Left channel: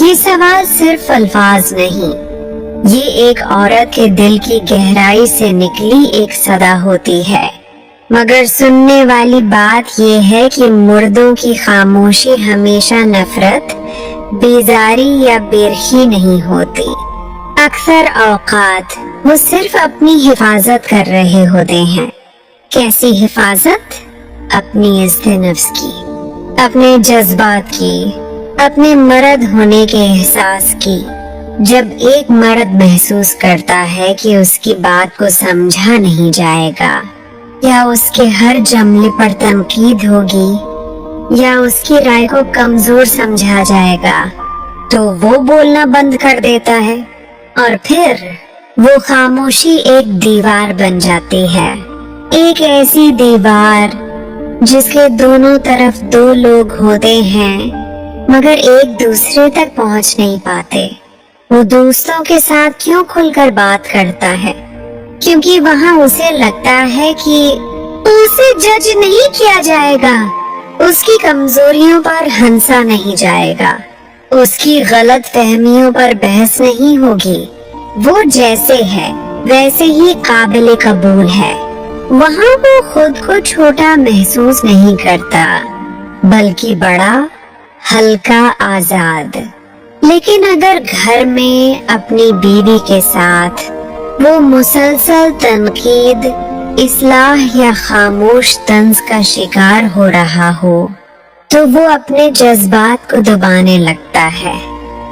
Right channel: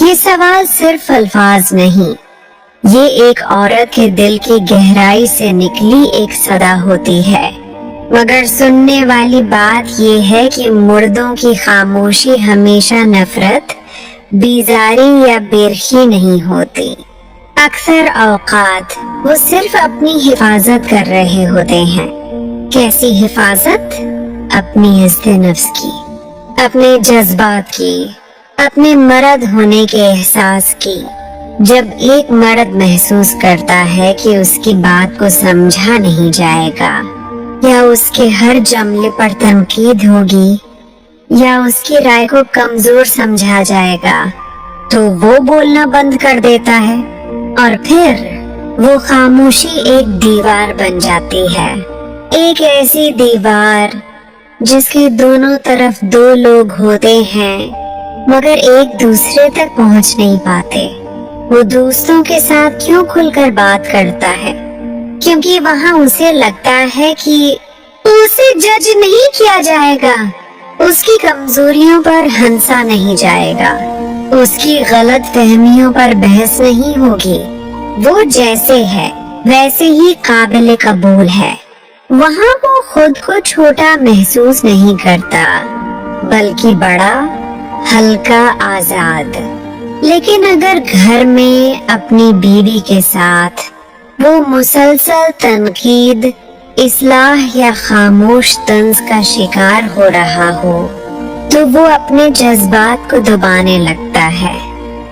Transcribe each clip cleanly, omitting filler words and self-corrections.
یہ سوال صرف الفاظ نہیں، یہ ایک عورت کے دل کی گہرائی سے نکلی ایک صدا ہوتی ہے، مگر سننے والی بات یہ ہے کہ مردوں کی خاموشی ہمیشہ نفرت، بیزاری یا بیرخی نہیں ہوتی۔ اکثر اوقات وہ صرف اپنی حفاظت کر رہے ہوتے ہیں۔ کیسی حفاظت؟ اپنی عزت نفس کی، اپنے جذبات کی، اپنے مرد ہونے کے احساس کی۔ جب ایک مرد محسوس کرتا ہے کہ اس کی بات کو سمجھا نہیں جائے گا، یا اس کے ہر جملے پر تنقید ہوگی، یا اس کی رائے کو کمزور سمجھا جائے گا، تو وہ بولنا بند کر دیتا ہے، اور پھر وہ خاموشی ایک دیوار بن جاتی ہے۔ ایک ایسی دیوار جس کے دونوں طرف دو لوگ ہوتے ہیں مگر ایک دوسرے تک پہنچ نہیں پاتے۔ وہ دوستوں کے ساتھ کیوں کھل کر بات کرتا ہے؟ کیونکہ وہاں اسے لگتا ہے کہ اسے جج نہیں کیا جائے گا، اس کی کمزوریوں پر ہنسا نہیں جائے گا، اس کی غلط فہمیوں پر بحث نہیں ہوگی۔ وہ جیسے ہے ویسے ہی قابل قبول ہے۔ وہاں وہ خود کو چھوٹا محسوس نہیں کرتا، بلکہ بڑا، ہلکا، آزاد۔ لیکن اگر گھر میں اپنی بیوی کے ساتھ وہ مسلسل تنقید، اصلاح یا خاموش طنز کا شکار ہو رہا ہو تو وہ اپنے جذبات کو دبانے لگتا ہے۔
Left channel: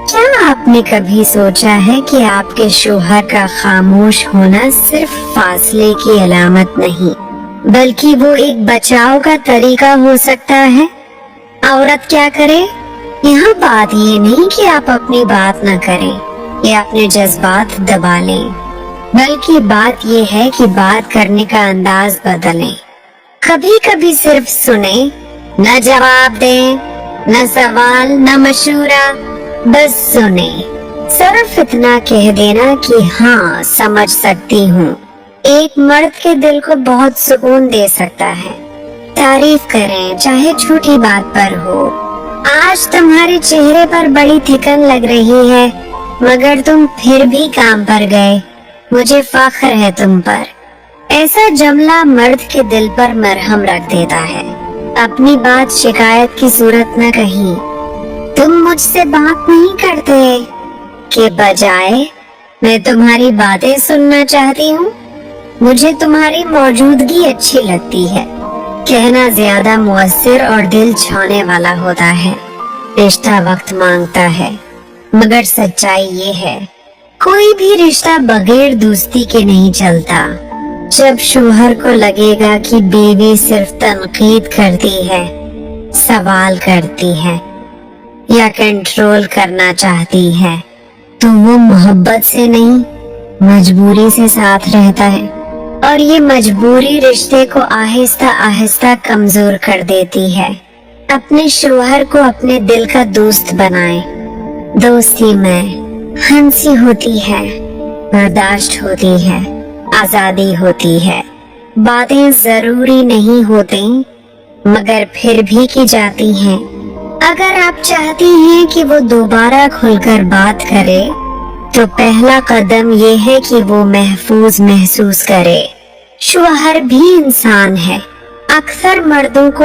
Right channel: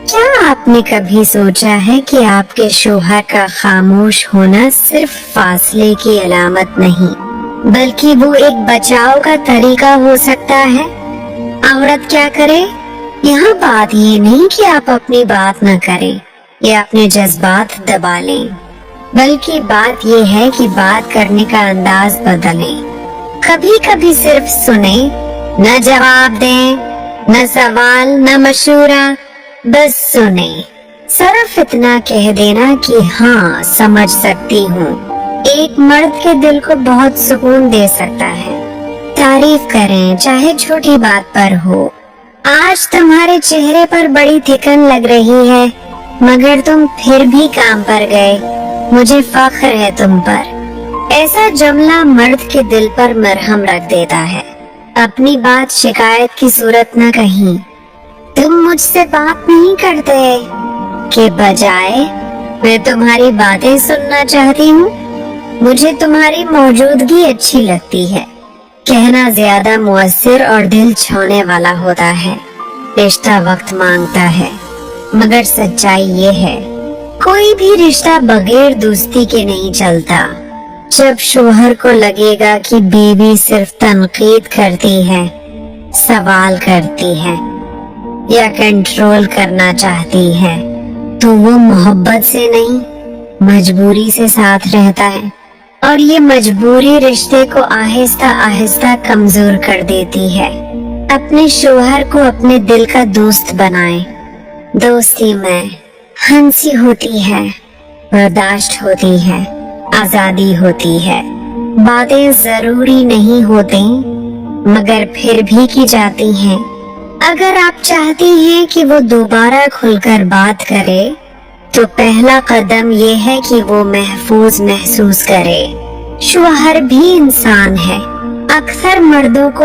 کیا آپ نے کبھی سوچا ہے کہ آپ کے شوہر کا خاموش ہونا صرف فاصلے کی علامت نہیں، بلکہ وہ ایک بچاؤ کا طریقہ ہو سکتا ہے؟ عورت کیا کرے؟ یہاں بات یہ نہیں کہ آپ اپنی بات نہ کریں یا اپنے جذبات دبا لیں، بلکہ بات یہ ہے کہ بات کرنے کا انداز بدلیں۔ کبھی کبھی صرف سنیں، نہ جواب دیں، نہ سوال، نہ مشورہ، بس سنیں۔ صرف اتنا کہہ دینا کہ ہاں سمجھ سکتی ہوں، ایک مرد کے دل کو بہت سکون دے سکتا ہے۔ تعریف کریں چاہے چھوٹی بات پر ہو۔ آج تمہارے چہرے پر بڑی تھکن لگ رہی ہے مگر تم پھر بھی کام پر گئے، مجھے فخر ہے تم پر۔ ایسا جملہ مرد کے دل پر مرہم رکھ دیتا ہے۔ اپنی بات شکایت کی صورت نہ کہیں، تم مجھ سے بات نہیں کرتے، کے بجائے میں تمہاری باتیں سننا چاہتی ہوں، مجھے تمہاری موجودگی اچھی لگتی ہے۔ کہنا زیادہ مؤثر اور دل چھونے والا ہوتا ہے۔ رشتہ وقت مانگتا ہے مگر سچائی یہ ہے، کوئی بھی رشتہ بغیر دوستی کے نہیں چلتا۔ جب شوہر کو لگے گا کہ بیوی صرف تنقید کرتی ہے، سوال کرتی ہے یا کنٹرول کرنا چاہتی ہے، تو وہ محبت سے نہیں، مجبوری سے ساتھ رہتا ہے، اور یہ مجبوری رشتے کو آہستہ آہستہ کمزور کر دیتی ہے۔ اپنے شوہر کو اپنے دل کا دوست بنائیں۔ دوستی میں ہنسی ہوتی ہے، برداشت ہوتی ہے، آزادی ہوتی ہے، باتیں ضروری نہیں ہوتی مگر پھر بھی کی جاتی ہیں۔ اگر آپ چاہتی ہیں کہ وہ دوبارہ کھل کر بات کرے تو پہلا قدم یہ ہے کہ وہ محفوظ محسوس کرے۔ شوہر بھی انسان ہے، اکثر مردوں کو